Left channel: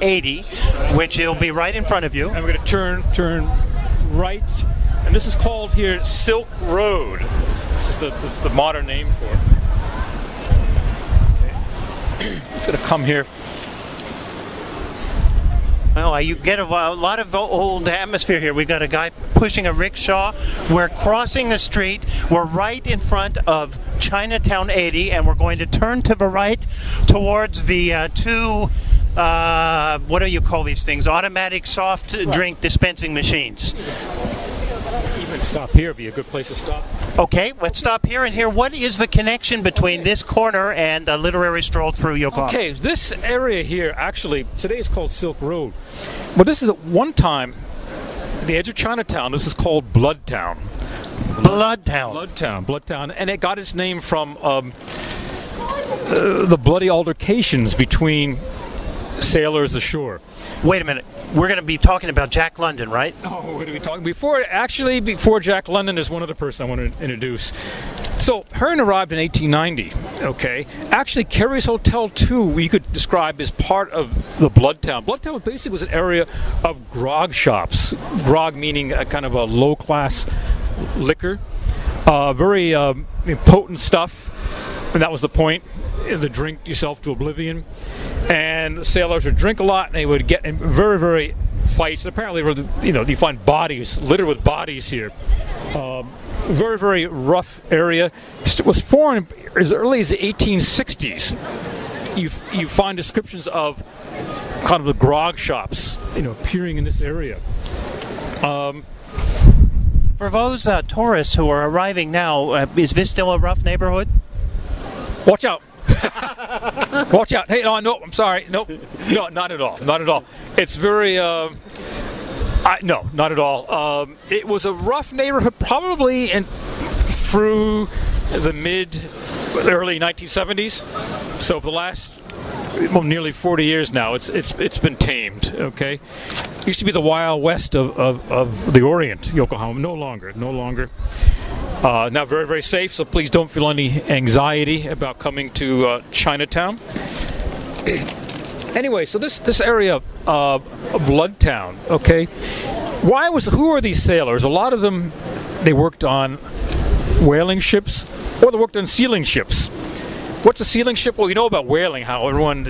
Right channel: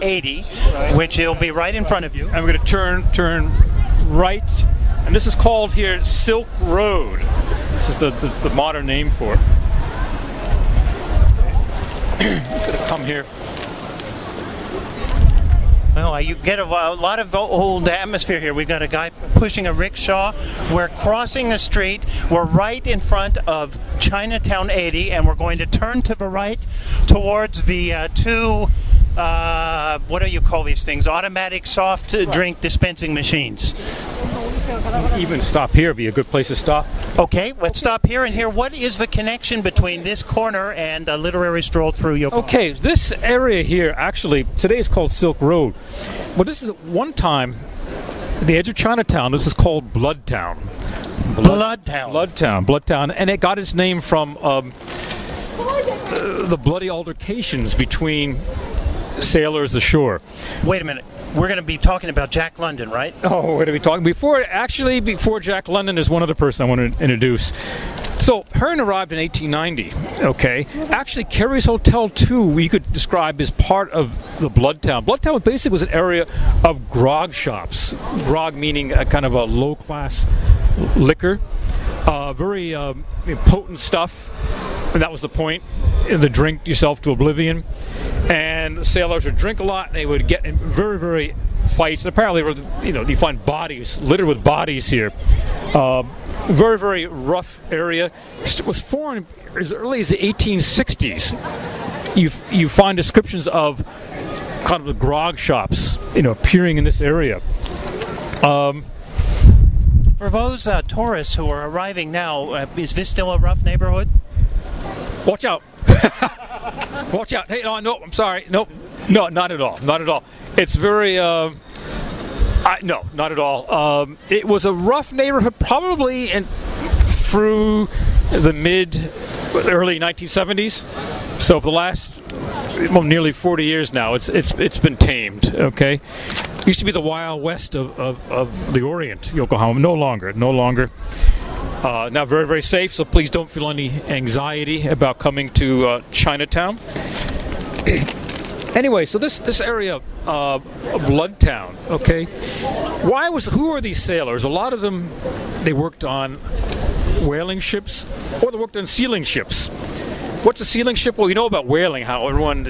80, which will be right in front of you. And we're going to turn right, and this is called here Silk Road. This is the modern name for it. Okay. It's going to come here. Well, you get a lot of old atmosphere here. We've got a guy pushing a rickshaw. We're crossing the street. We're right in front of Chinatown 80, and we're going to turn to the right towards the two, what do you call these things? Automatic soft drink dispensing machines. Even stop here would be a good place to stop. Okay, let's stop here and hear what is the connection between this corner and the literary stroll through Yokohama. Okay, this area here, actually, today is called Silk Road. But this is at one time, at the edge of Chinatown, this is called Bloodtown. Bloodtown. And it got its name from the bloody altercations between sailors ashore. Wait a minute. We're going to be talking about Jack London, right? Oh, we're going to be talking before Jack London, there's one other person I want to introduce. So Hearn arrived in 1890. Okay, actually Carey's Hotel too, we could describe as part of the Bloodtown. Bloodtown basically was an area of grog shops. Grog meaning a kind of a low-class liquor, very potent stuff, and that was the point. To drink yourself to oblivion, and the sailors would drink a lot, and they would get in very, very fights. Apparently, you find bodies littered with bodies here. Very, very rough area. It was formed as early as the 1860s. You find descriptions of kind of the grog shops, appearing in this area. For those tourists who are arriving now, is this still a rough neighborhood? Watch out. Watch out. Hey, no, I'm sorry. No, not at all. Not at all. It's very, no, not at all. It was a rough neighborhood probably through the early 1970s. So for the last nearly 40 years now, it's been tamed, okay? Used to be the Wild West of the Orient, Yokohama. No longer. Now very, very safe, so please don't feel any anxiety about coming to Chinatown. Anyway, so this area of Bloodtown, okay? Who are these sailors? A lot of them, they worked on whaling ships, or they worked on sealing ships. What's a sealing ship? Well, you know about whaling, how everyone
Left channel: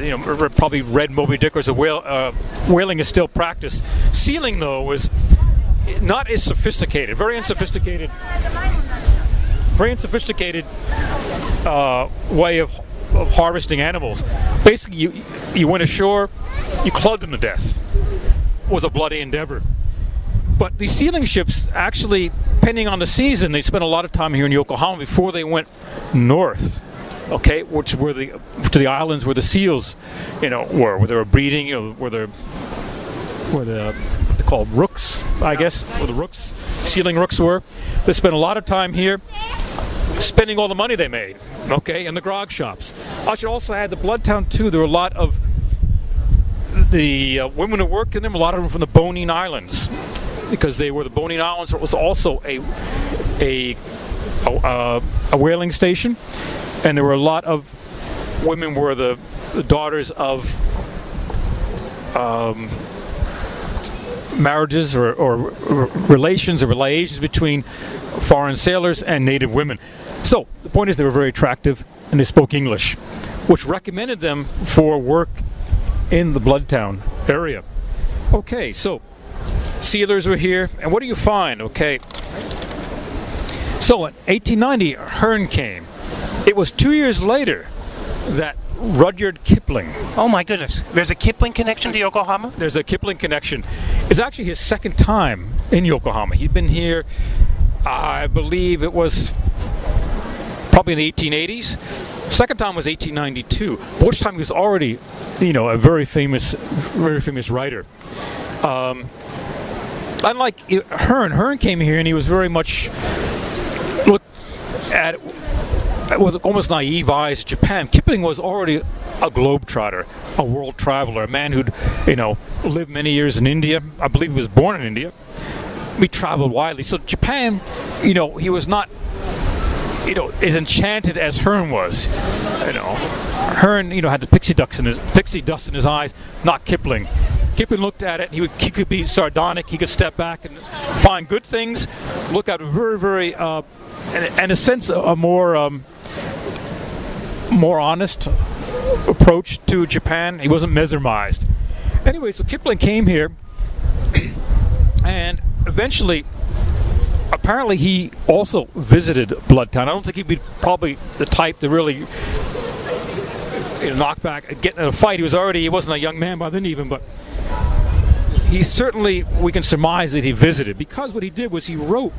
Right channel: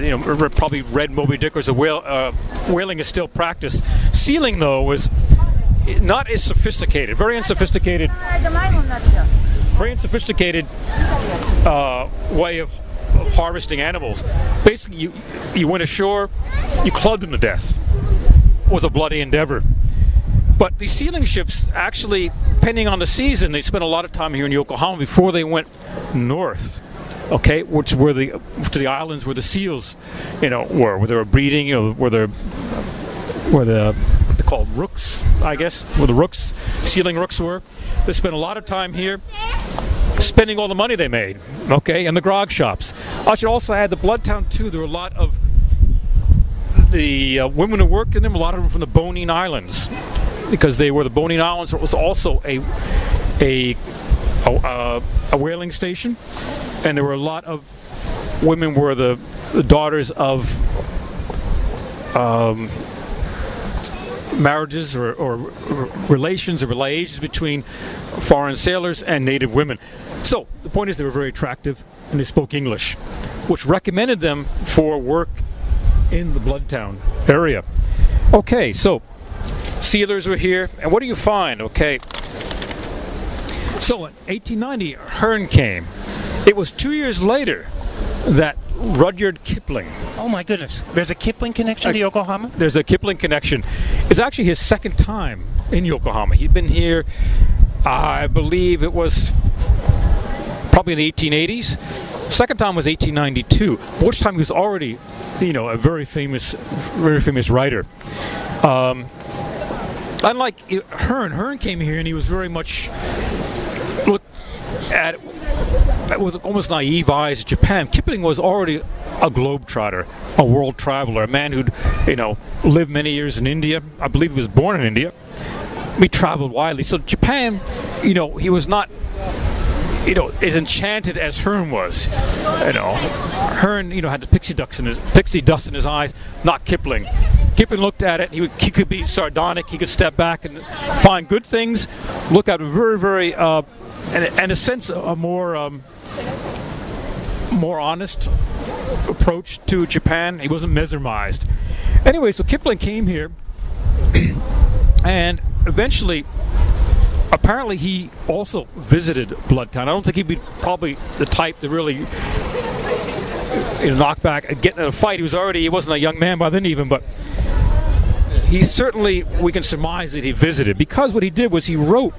probably read Moby Dick, or whaling is still practiced. Sealing, though, was not as sophisticated, very unsophisticated way of harvesting animals. Basically, you went ashore, you clubbed them to death. It was a bloody endeavor. But these sealing ships, actually, depending on the season, they spent a lot of time here in Yokohama before they went north. Okay, which were to the islands where the seals, where they were breeding, where they're called rooks, I guess, where the sealing rooks were. They spent a lot of time here spending all the money they made, okay, in the grog shops. I should also add the Bloodtown, too. There were a lot of the women who worked in them, a lot of them from the Bonin Islands, because they were the Bonin Islands. It was also a whaling station, and there were a lot of women were the daughters of marriages or relations or liaisons between foreign sailors and native women. So the point is they were very attractive and they spoke English, which recommended them for work in the Bloodtown area. Okay, so sealers were here, and what do you find? Okay, so in 1890 Hearn came. It was 2 years later that Rudyard Kipling. Oh my goodness. There's a Kipling connection to Yokohama? There's a Kipling connection. It's actually his second time in Yokohama. He'd been here, I believe it was probably in the 1880s. Second time was 1892, which time he was already, a very famous writer. Unlike Hearn came here and he was very much looked at with almost naive eyes at Japan. Kipling was already a globetrotter, a world traveler, a man who'd, lived many years in India. I believe he was born in India. He traveled widely. So Japan, he was not, as enchanted as Hearn was. Hearn, had the pixie dust in his eyes, not Kipling. Kipling looked at it. He could be sardonic. He could step back and find good things. Look at a very, very, and a sense a more honest approach to Japan. He wasn't mesmerized. Anyway, so Kipling came here, and eventually, apparently, he also visited Bloodtown. I don't think he'd be probably the type to really knock back, get in a fight. He wasn't a young man by then even, but he certainly, we can surmise that he visited, because what he did was he wrote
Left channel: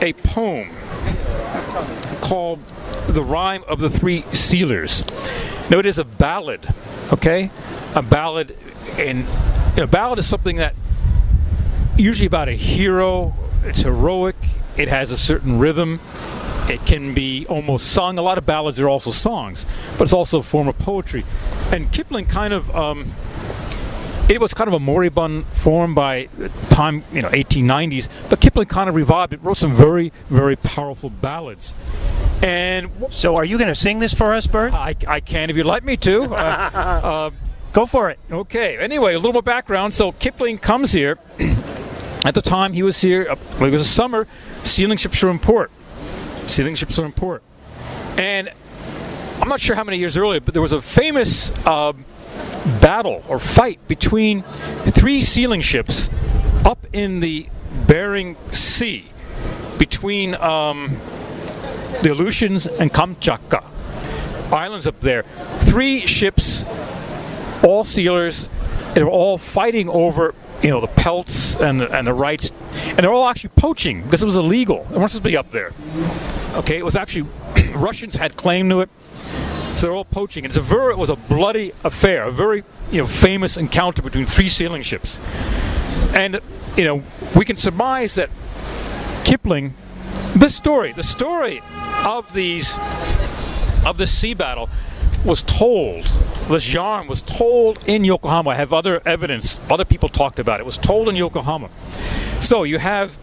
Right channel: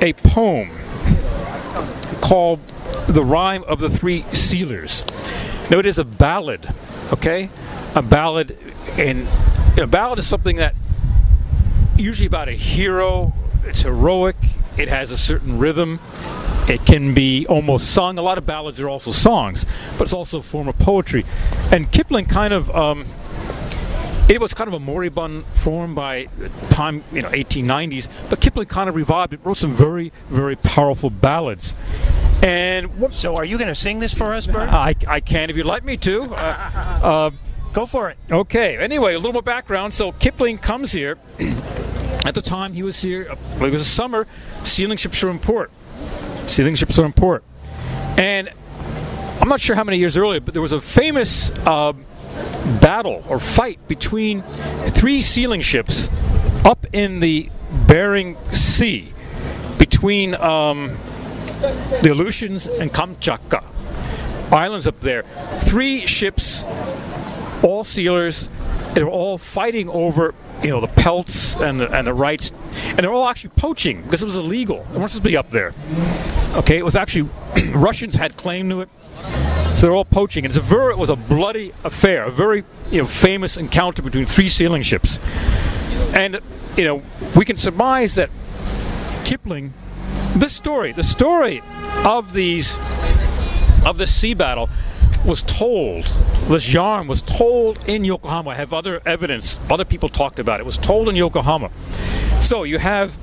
a poem called The Rime of the Three Sealers. Now, it is a ballad, okay? A ballad, and a ballad is something that usually about a hero. It's heroic. It has a certain rhythm. It can be almost sung. A lot of ballads are also songs, but it's also a form of poetry. And Kipling kind of, it was kind of a moribund form by the time, 1890s, but Kipling kind of revived it, wrote some very, very powerful ballads. And so are you going to sing this for us, Bert? I can if you'd like me to. Go for it. Okay. Anyway, a little more background. So Kipling comes here. At the time he was here, it was a summer, sealing ships were in port. And I'm not sure how many years earlier, but there was a famous battle or fight between 3 sealing ships up in the Bering Sea between the Aleutians and Kamchatka islands up there. 3 ships, all sealers. They were all fighting over, the pelts and the rights, and they're all actually poaching because it was illegal. They weren't supposed to be up there. Okay, it was actually Russians had claim to it, so they're all poaching. And it was a bloody affair, a very famous encounter between 3 sealing ships. And we can surmise that Kipling, the story of this sea battle was told. This yarn was told in Yokohama. I have other evidence. Other people talked about it. It was told in Yokohama. So you have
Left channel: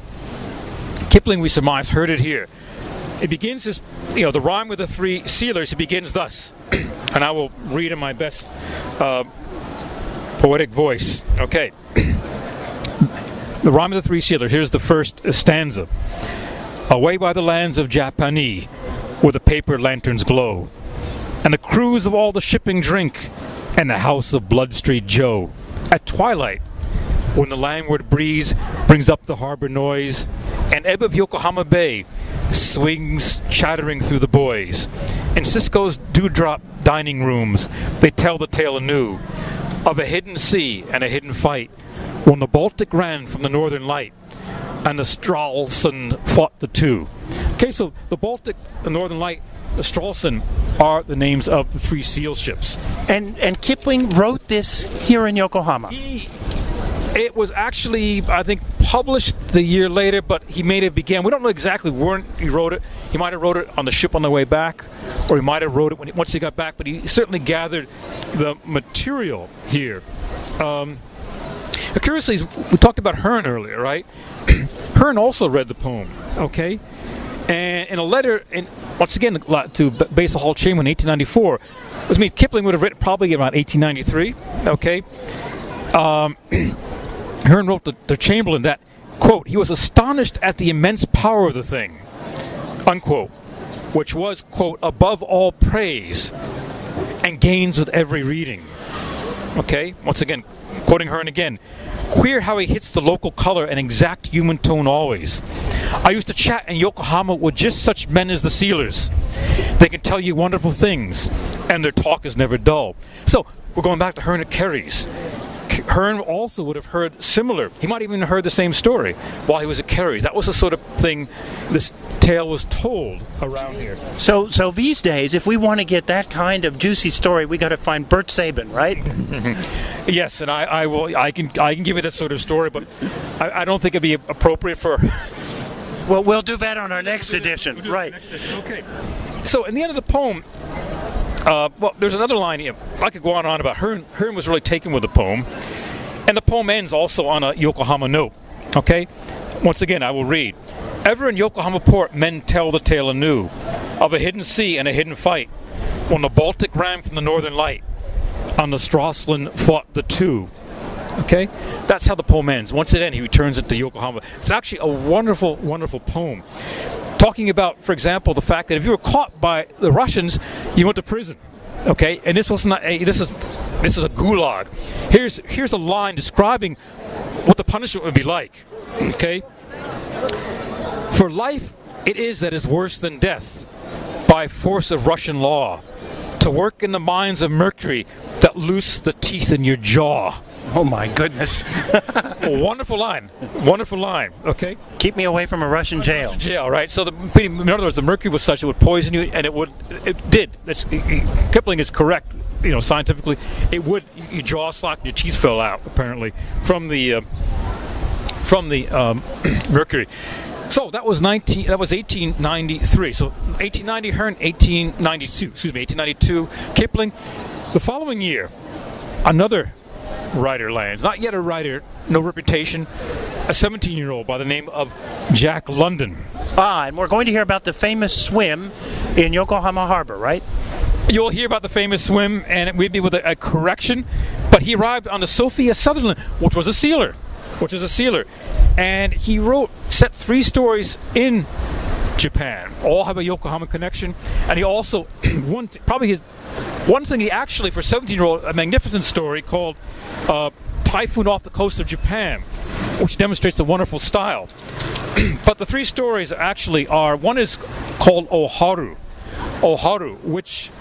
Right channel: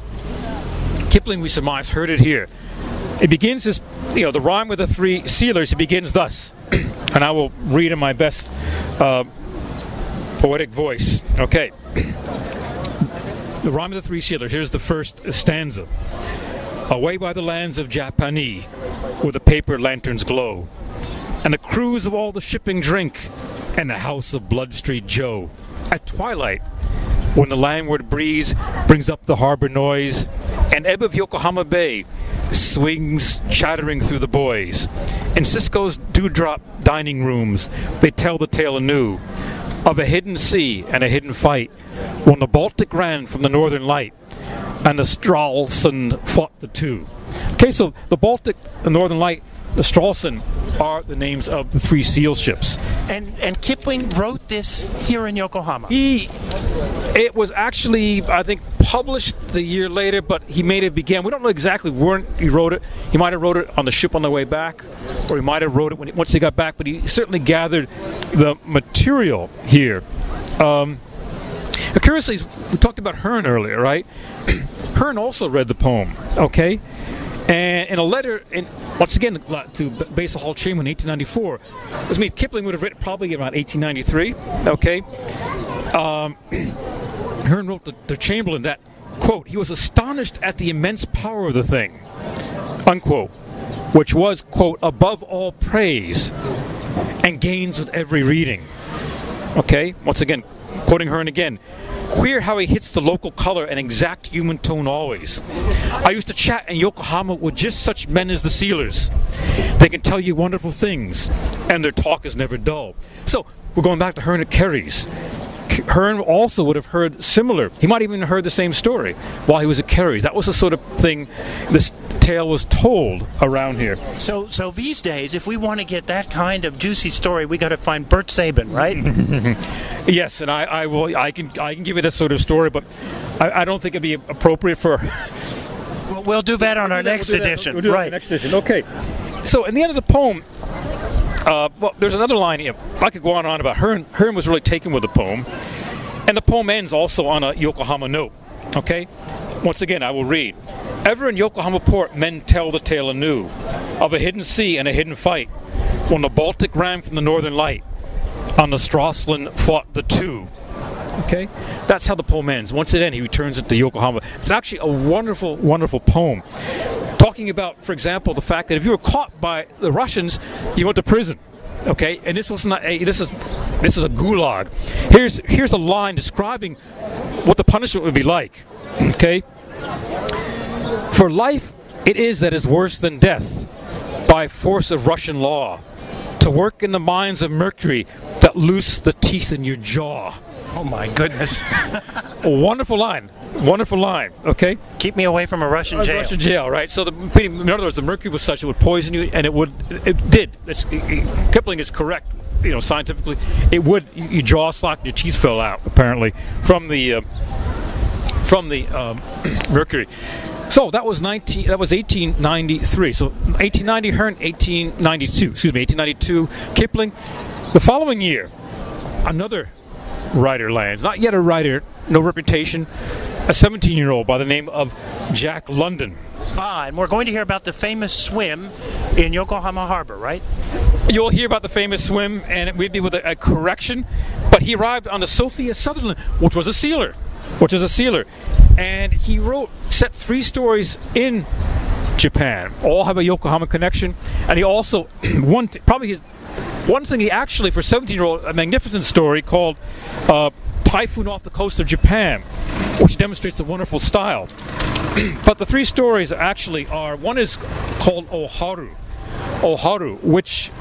Kipling, we surmise, heard it here. It begins this, the rhyme with the 3 sealers. It begins thus, and I will read in my best poetic voice. Okay. The rhyme of the 3 sealers. Here's the first stanza. Away by the lands of Japani, where the paper lanterns glow, and the crews of all the shipping drink, and the house of Blood Street Joe. At twilight, when the landward breeze brings up the harbor noise, and ebb of Yokohama Bay swings chattering through the buoys, in Cisco's dewdrop dining rooms, they tell the tale anew of a hidden sea and a hidden fight, when the Baltic ran from the Northern Light, and the Stralsund fought the 2. Okay, so the Baltic, the Northern Light, the Stralsund are the names of the 3 seal ships. And Kipling wrote this here in Yokohama. It was actually, I think, published the year later, but he made it begin. We don't know exactly where he wrote it. He might have wrote it on the ship on the way back, or he might have wrote it once he got back, but he certainly gathered the material here. Curiously, we talked about Hearn earlier, right? Hearn also read the poem, okay? And in a letter, once again, to Basil Hall Chamberlain in 1894, which means Kipling would have written probably around 1893, okay? Hearn wrote to Chamberlain that, quote, he was astonished at the immense power of the thing, unquote, which was, quote, above all praise and gains with every reading. Okay? Once again, quoting Hearn again, queer how he hits the local color and exact human tone always. I used to chat in Yokohama with just such men as the sealers. They can tell you wonderful things, and their talk is never dull. So, we're going back to Hearn at Carey's. Hearn also would have heard similar. He might even have heard the same story while he was at Carey's. That was the sort of thing this tale was told around here. So these days, if we want to get that kind of juicy story, we got to find Bert Sabin, right? Yes, and I can give you that sort of story, but I don't think it'd be appropriate for. Well, we'll do that on our next edition, right? Next edition. Okay. So, in the end of the poem. Well, there's another line here. I could go on and on about Hearn. Hearn was really taken with the poem. And the poem ends also on a Yokohama note. Okay? Once again, I will read. Ever in Yokohama port, men tell the tale anew of a hidden sea and a hidden fight, when the Baltic ran from the Northern Light, on the Stralsund fought the 2. Okay, that's how the poem ends. Once it ends, he returns it to Yokohama. It's actually a wonderful, wonderful poem, talking about, for example, the fact that if you were caught by the Russians, you went to prison. Okay, and this was not this is a gulag. Here's a line describing what the punishment would be like. Okay, for life it is that is worse than death, by force of Russian law, to work in the mines of mercury that loose the teeth in your jaw. Oh my goodness. A wonderful line. Wonderful line. Okay? Keep me away from a Russian jail. Russian jail, right? So, in other words, the mercury was such it would poison you, and it did. Kipling is correct, scientifically. It would, your jaw slacked, your teeth fell out, apparently, from the mercury. So that was 1893. So 1890 Hearn, 1892 Kipling. The following year, another writer lands. Not yet a writer, no reputation. A 17-year-old by the name of Jack London. And we're going to hear about the famous swim in Yokohama Harbor, right? You'll hear about the famous swim, and it would be with a correction. But he arrived on the Sophia Sutherland, which was a sealer. And he set 3 stories in Japan. All have a Yokohama connection. And he also, one thing he actually, for a 17-year-old, a magnificent story called Typhoon Off the Coast of Japan, which demonstrates a wonderful style. But the 3 stories actually are, one is called Oharu, which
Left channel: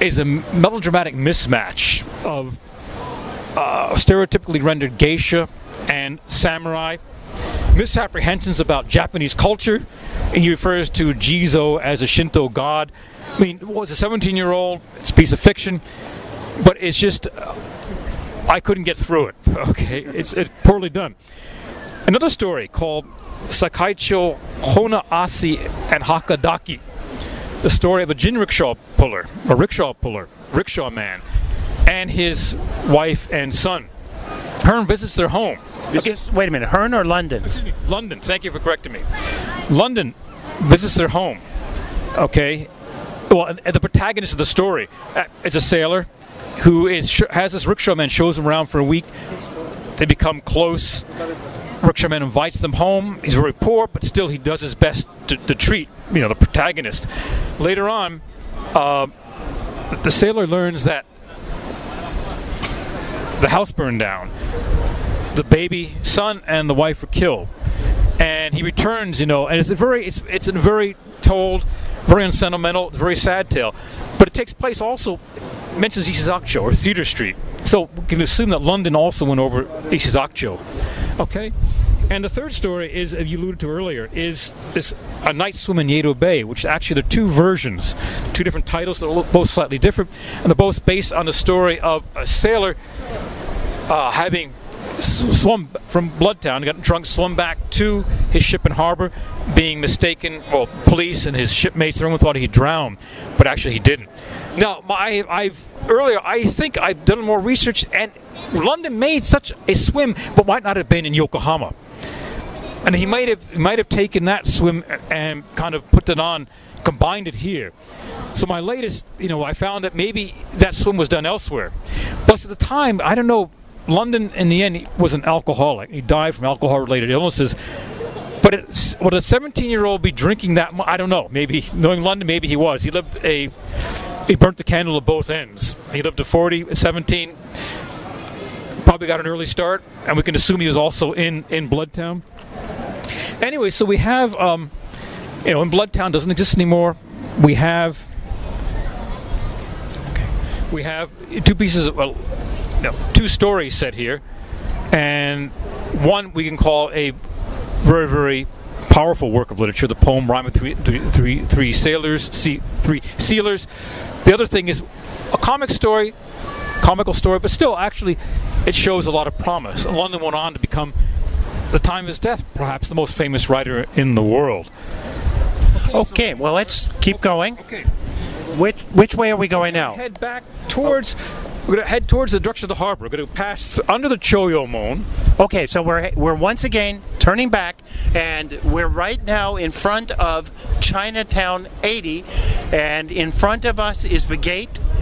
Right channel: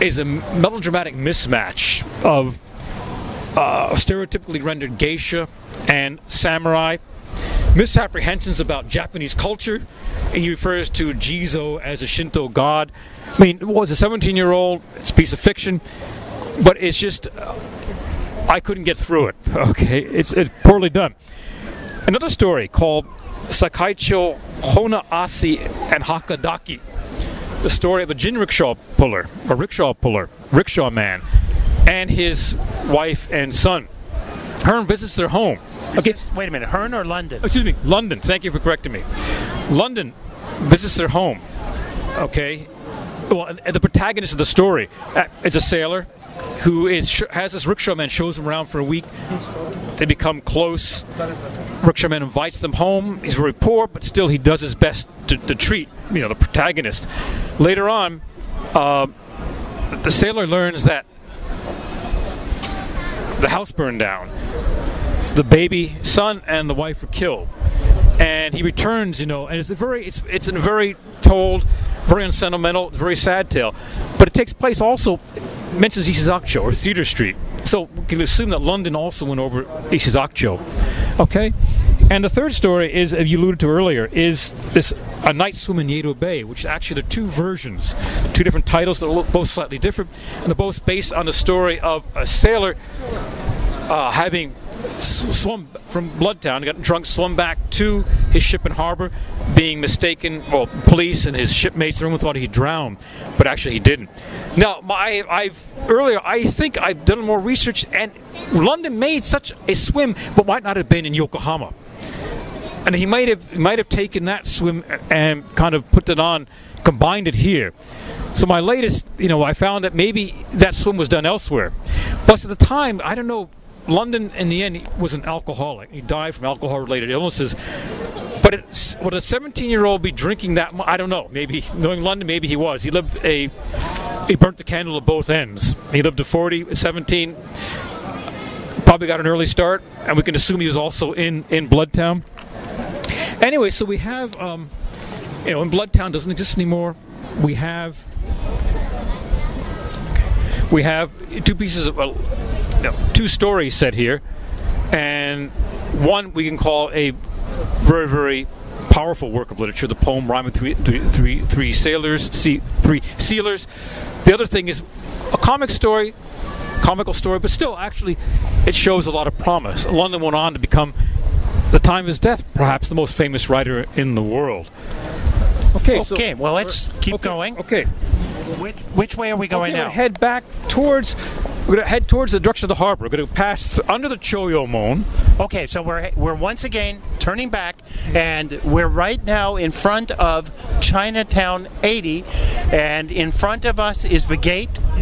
is a melodramatic mismatch of stereotypically rendered geisha and samurai, misapprehensions about Japanese culture. He refers to Jizo as a Shinto god. I mean, it was a 17-year-old, it's a piece of fiction, but it's just, I couldn't get through it, okay? It's poorly done. Another story called Sakaicho Honaasi and Hakadaki, the story of a rickshaw man, and his wife and son. Hearn visits their home. Okay, wait a minute, Hearn or London? Excuse me, London. Thank you for correcting me. London visits their home. Okay. Well, the protagonist of the story is a sailor who has this rickshaw man, shows him around for a week. They become close. Rickshaw man invites them home. He's very poor, but still he does his best to treat the protagonist. Later on, the sailor learns that the house burned down. The baby son and the wife were killed, and he returns. And it's a very told, very unsentimental, very sad tale. But it takes place also, mentions Ishizakucho or Theatre Street. So we can assume that London also went over Ishizakucho. Okay, and the third story is, as you alluded to earlier, is a night swim in Yedo Bay, which actually there are 2 versions, 2 different titles that are both slightly different, and they're both based on the story of a sailor having swum from Bloodtown, got drunk, swum back to his ship in harbor, being mistaken. Well, police and his shipmates, everyone thought he drowned, but actually he didn't. Now, I think I've done more research, and London made such a swim, but might not have been in Yokohama. And he might have taken that swim and kind of put it on, combined it here. So my latest, I found that maybe that swim was done elsewhere. Plus, at the time, I don't know. London, in the end, he was an alcoholic. He died from alcohol-related illnesses. But would a 17-year-old be drinking that much? I don't know. Maybe, knowing London, maybe he was. He burnt the candle at both ends. He lived to 40, at 17. Probably got an early start. And we can assume he was also in Bloodtown. Anyway, so we have, in Bloodtown doesn't exist anymore. We have 2 pieces of... 2 stories set here, and one we can call a very, very powerful work of literature, the poem Rhyme of Three Sealers. The other thing is a comical story, but still, actually, it shows a lot of promise. London went on to become, at the time of his death, perhaps the most famous writer in the world. Okay, well, let's keep going. Okay. Which way are we going now? We're going to head towards the direction of the harbor. We're going to pass under the Choyomon. Okay, so we're once again turning back, and we're right now in front of Chinatown 80, and in front of us is the gate